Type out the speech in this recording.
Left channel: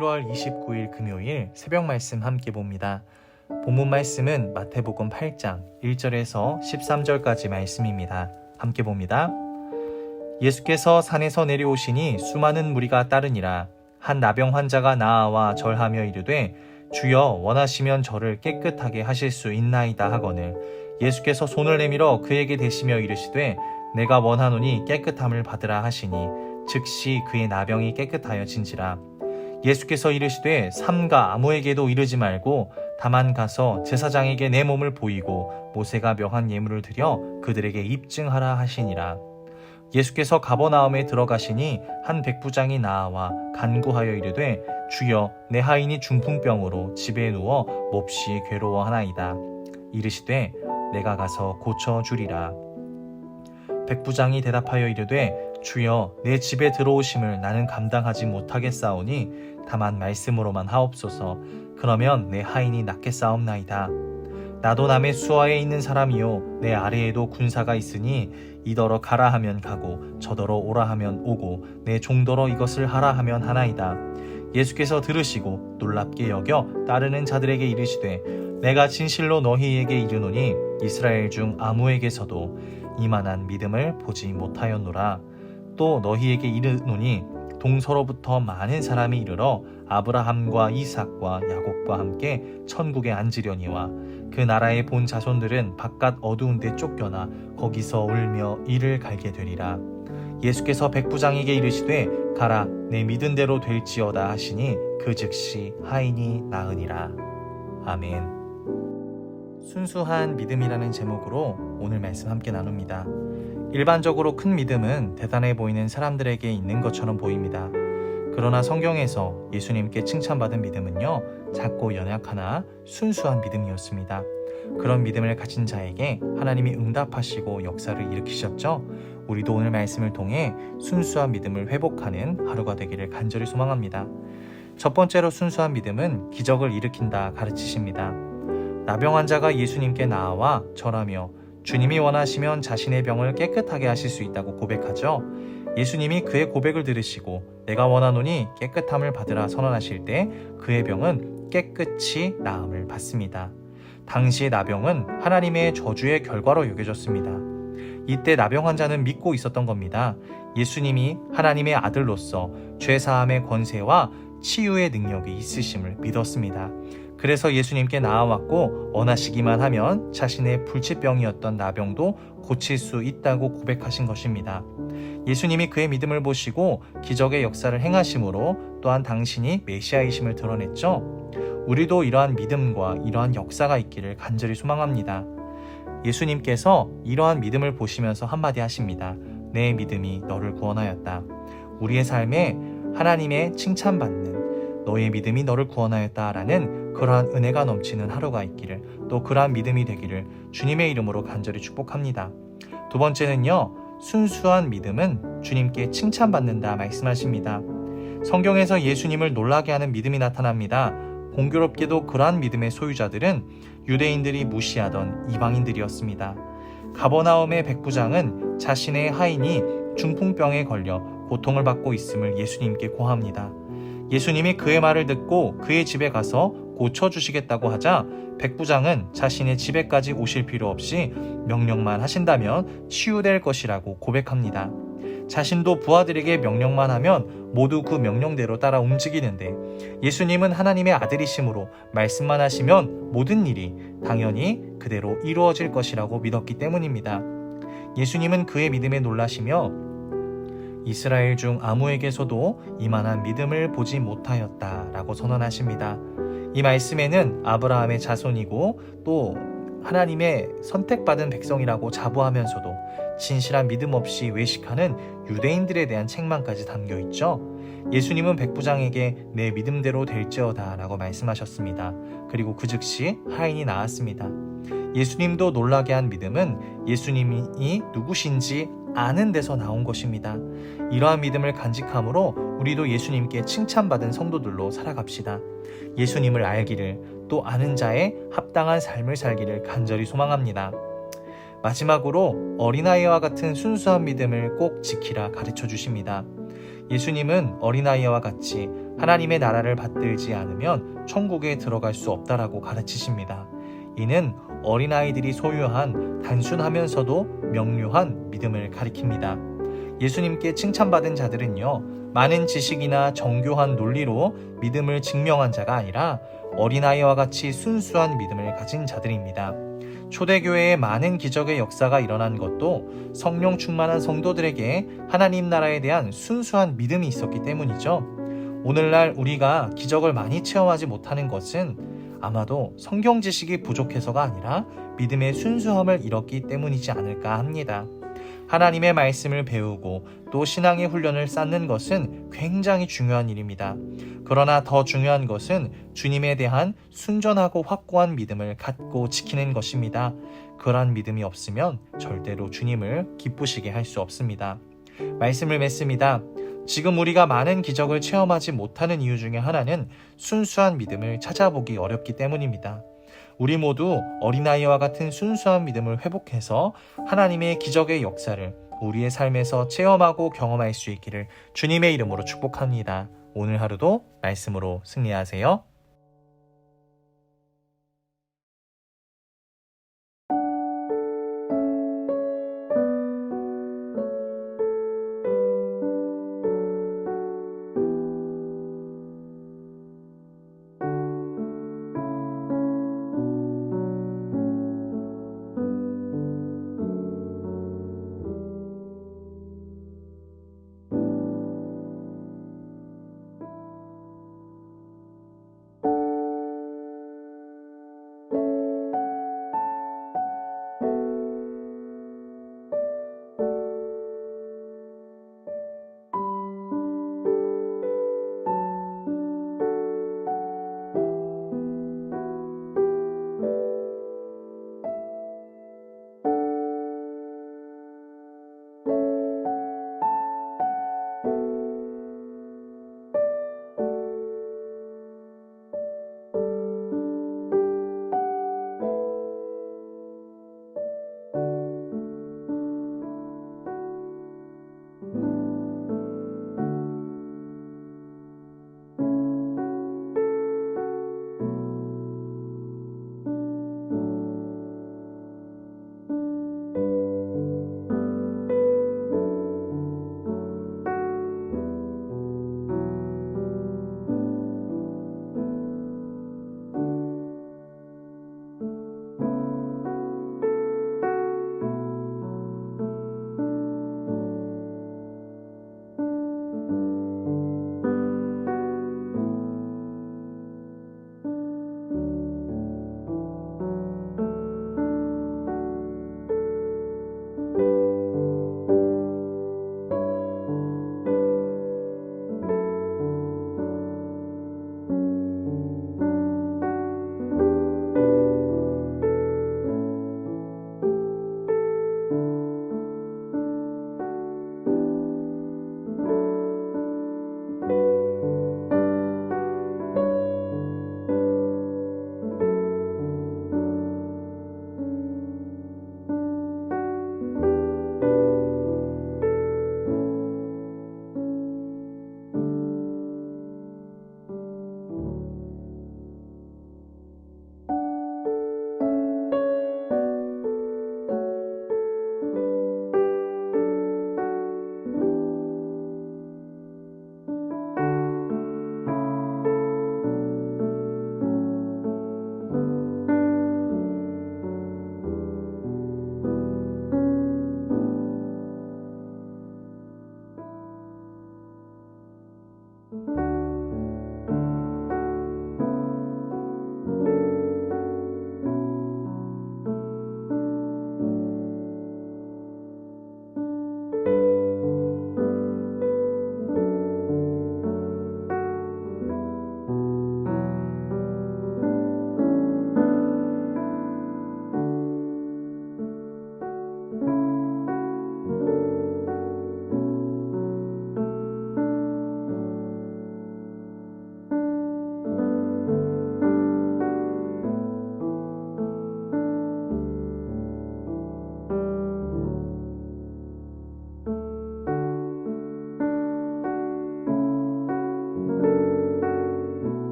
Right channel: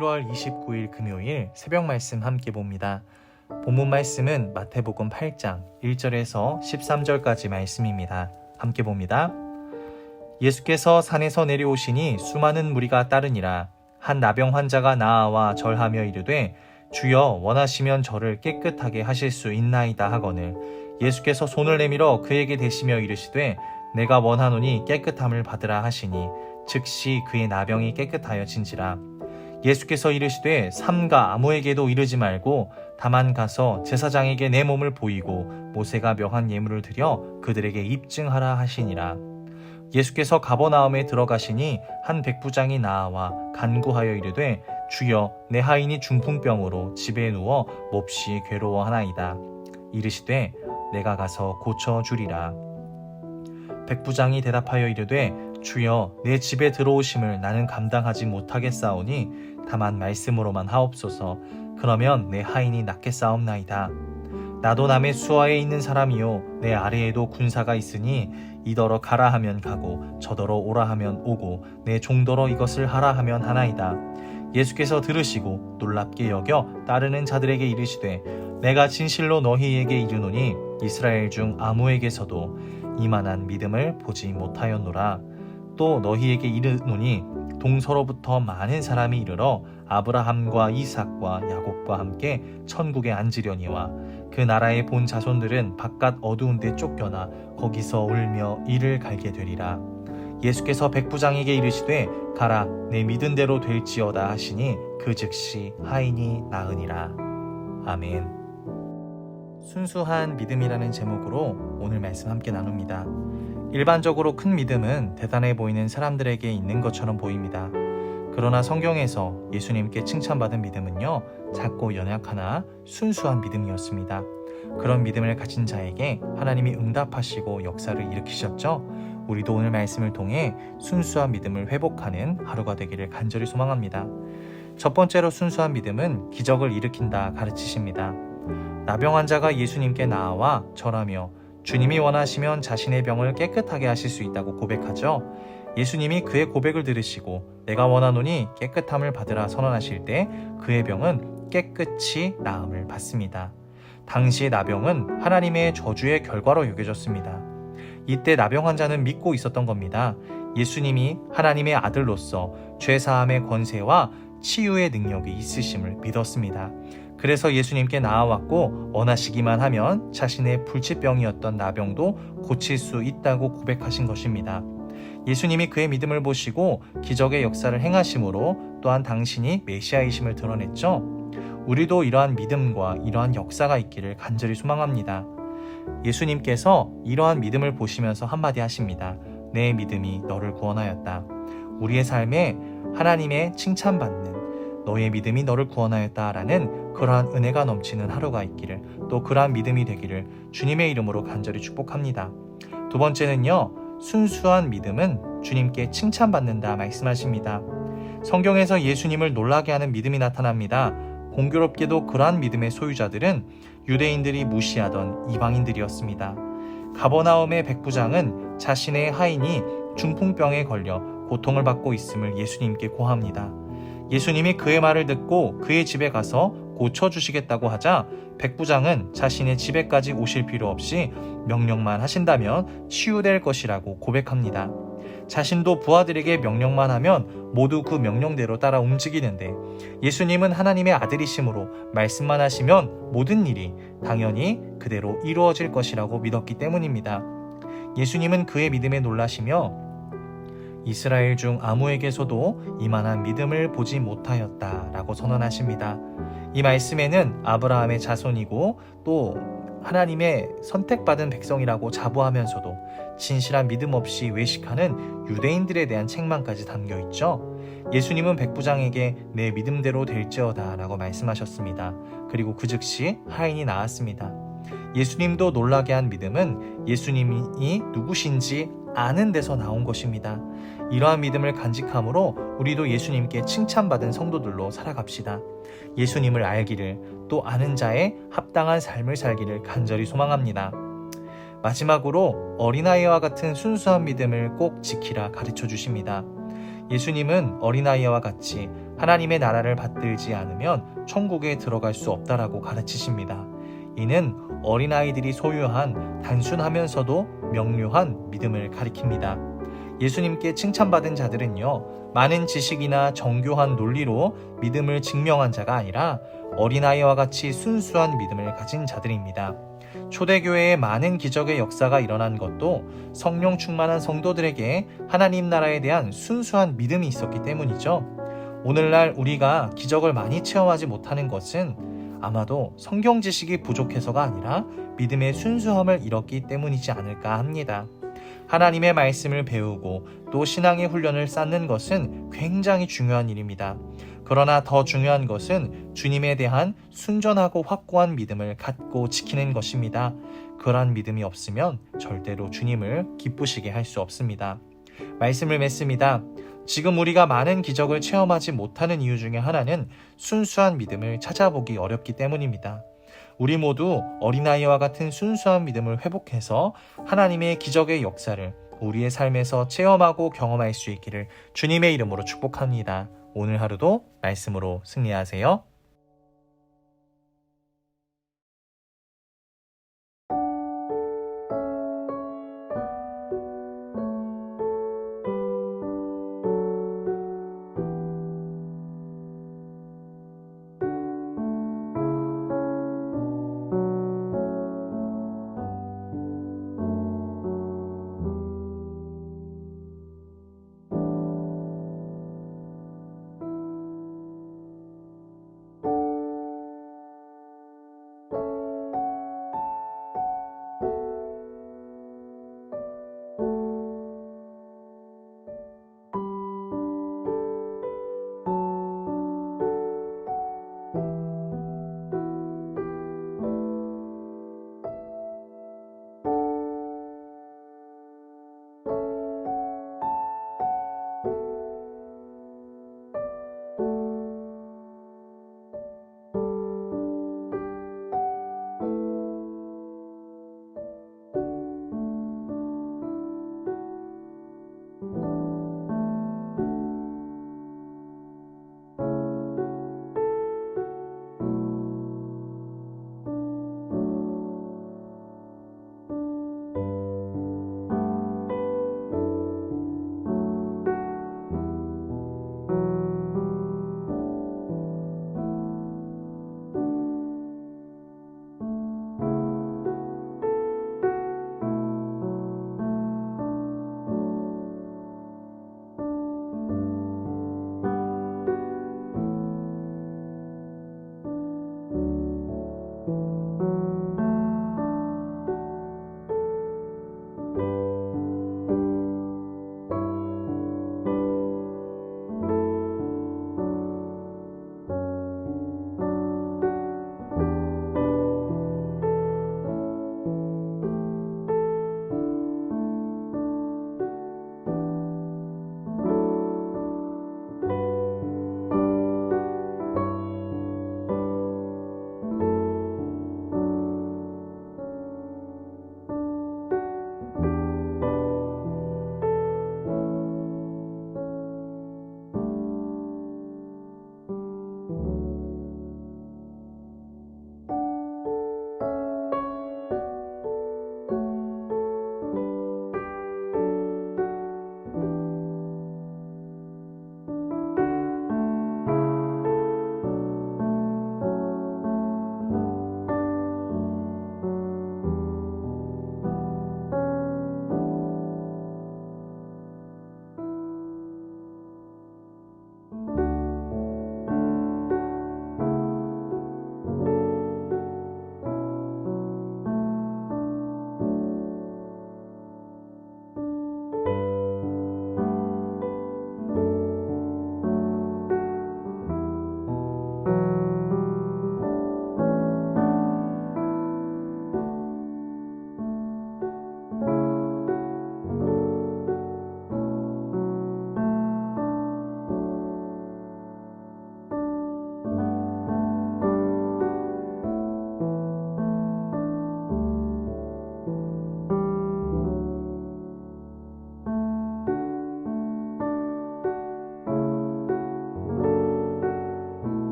1월 29일 금요일 새벽 말씀 함께 봅니다. 본문 말씀은 마태복음 8장 1절에서 13절까지 말씀입니다. 함께 봅니다. 예수께서 산에서 내려오시니 수많은 무리가 따르니라. 한 나병 환자가 나아와 절하며 이르되 주여 원하시면 저를 깨끗하게 하실 수 있나이다 하거늘 예수께서 손을 내밀어 그에게 대시며 이르시되 내가 원하노니 깨끗함을 받으라 하시니 즉시 그의 나병이 깨끗하여진지라. 예수께서 이르시되 삼가 아무에게도 이르지 말고 다만 가서 제사장에게 내 몸을 보이고 모세가 명한 예물을 드려 그들에게 입증하라 하시니라. 예수께서 가버나움에 들어가시니 한 백부장이 나아와 간구하여 이르되 주여 내 하인이 중풍병으로 집에 누워 몹시 괴로워하나이다. 이르시되 내가 가서 고쳐주리라. 백부장이 대답하여 이르되 주여 내 집에 들어오심을 나는 감당하지 못하겠사오니 다만 말씀으로만 하옵소서. 그러면 내 하인이 낫겠사옵나이다. 나도 남의 수하에 있는 사람이요 내 아래에도 군사가 있으니 이더러 가라 하면 가고 저더러 오라 하면 오고 내 종더러 이것을 하라 하면 하나이다. 예수께서 들으시고 놀랍게 여겨 따르는 자들에게 이르시되 내가 진실로 너희에게 이르노니 이스라엘 중 아무에게서도 이만한 믿음을 보지 못하였노라. 또 너희에게 이르노니 동서로부터 많은 사람이 이르러 아브라함과 이삭과 야곱과 함께 천국에 앉으려니와 그 나라의 본 자손들은 바깥 어두운 데 쫓겨나 거기서 울며 이를 갈게 되리라. 예수께서 백부장에게 이르시되 가라 내 믿은 대로 될지어다 하시니 그 즉시 하인이 나으니라. 아멘. 순수한 믿음이라는 제목으로 오늘 말씀 함께 나눕니다. 일반적으로 큰 믿음은 대단해 보이는 사람들에게 있는 것처럼 보입니다. 그러나 성경에서 예수님께 칭찬받은 믿음은요, 작고 연약하나 순수한 믿음이었습니다. 그런 믿음을 가진 자에게 하나님이 응답하시고 역사를 일으키셨죠. 우리도 오늘 말씀을 통해 순수한 믿음을 회복하는 하루가 되기를 간절히 소망합니다. 첫 번째로 순수한 믿음은 기적을 일으킨다 가르치십니다. 나병 환자가 예수님께 나아와 절하며 주님이 원하시면 자신의 병을 깨끗하게 하실 수 있다고 고백하죠. 예수님이 그의 고백을 들으시고 내가 원하노니 깨끗함을 받으라 선언하실 때 그의 병은 깨끗이 나음을 받습니다. 당시의 나병은 하나님의 저주의 결과로 여겨졌습니다. 이때 나병 환자는 믿고 있었던 겁니다. 예수님이 하나님의 아들로서 죄사함의 권세와 치유의 능력이 있으심을 믿었습니다. 그래서 예수님께 나아왔고 원하시기만 하면 자신의 불치병이었던 나병도 고칠 수 있다고 고백하신 것입니다. 예수님이 그의 믿음을 보시고 기적의 역사를 행하심으로 또한 당신이 메시아이심을 드러냈죠. 우리도 이러한 믿음과 이러한 역사가 있기를 간절히 소망합니다. 예수님께서 이러한 믿음을 보시면서 한마디 하십니다. 내 믿음이 너를 구원하였다. 우리의 삶에 하나님의 칭찬받는 너의 믿음이 너를 구원하였다라는 그러한 은혜가 넘치는 하루가 있기를, 또 그러한 믿음이 되기를 주님의 이름으로 간절히 축복합니다. 두 번째는요, 순수한 믿음은 주님께 칭찬받는다 말씀하십니다. 성경에서 예수님을 놀라게 하는 믿음이 나타납니다. 공교롭게도 그러한 믿음의 소유자들은 유대인들이 무시하던 이방인들이었습니다. 가버나움의 백부장은 자신의 하인이 중풍병에 걸려 고통을 받고 있음을 예수님께 고합니다. 예수님이 그의 말을 듣고 그의 집에 가서 고쳐주시겠다고 하자 백부장은 자신의 집에까지 오실 필요 없이 명령만 하신다면 치유될 것이라고 고백합니다. 자신도 부하들에게 명령만 하면 모두 그 명령대로 따라 움직이는데 예수님은 하나님의 아들이심으로 말씀만 하시면 모든 일이 당연히 그대로 이루어질 것이라고 믿었기 때문입니다. 예수님은 그의 믿음에 놀라시며 이스라엘 중 아무에게서도 이만한 믿음을 보지 못하였다라고 선언하십니다. 이 말씀에는 아브라함의 자손이고 또 하나님의 선택받은 백성이라고 자부하면서도 진실한 믿음 없이 외식하는 유대인들에 대한 책망까지 담겨 있죠. 예수님은 백부장에게 내 믿음대로 될지어다 라고 말씀하셨습니다. 그리고 그 즉시 하인이 나았습니다. 예수님도 놀라게 한 믿음은 예수님이 누구신지 아는 데서 나온 것입니다. 이러한 믿음을 간직함으로 우리도 예수님께 칭찬받은 성도들로 살아갑시다. 예수님을 알기를, 또 아는 자의 합당한 삶을 살기를 간절히 소망합니다. 마지막으로 어린아이와 같은 순수한 믿음을 꼭 지키라 가르쳐 주십니다. 예수님은 어린아이와 같이 하나님의 나라를 받들지 않으면 천국에 들어갈 수 없다라고 가르치십니다. 이는 어린아이들이 소유한 단순하면서도 명료한 믿음을 가리킵니다. 예수님께 칭찬받은 자들은요, 많은 지식이나 정교한 논리로 믿음을 증명한 자가 아니라 어린아이와 같이 순수한 믿음을 가진 자들입니다. 초대교회에 많은 기적의 역사가 일어난 것도 성령 충만한 성도들에게 하나님 나라에 대한 순수한 믿음이 있었기 때문이죠. 오늘날 우리가 기적을 많이 체험하지 못하는 것은 아마도 성경 지식이 부족해서가 아니라 믿음의 순수함을 잃었기 때문이지 않을까 합니다. 하나님의 말씀을 배우고 또 신앙의 훈련을 쌓는 것은 굉장히 중요한 일입니다. 그러나 더 중요한 것은 주님에 대한 순전하고 확고한 믿음을 갖고 지키는 것입니다. 그러한 믿음이 없으면 절대로 주님을 기쁘시게 할 수 없습니다. 말씀을 맺습니다. 지금 우리가 많은 기적을 체험하지 못하는 이유 중에 하나는 순수한 믿음을 찾아보기 어렵기 때문입니다. 우리 모두 어린아이와 같은 순수한 믿음을 회복해서 하나님의 기적의 역사를 우리의 삶에서 체험하고 경험할 수 있기를 주님의 이름으로 축복합니다. 오늘 하루도 말씀으로 승리하세요.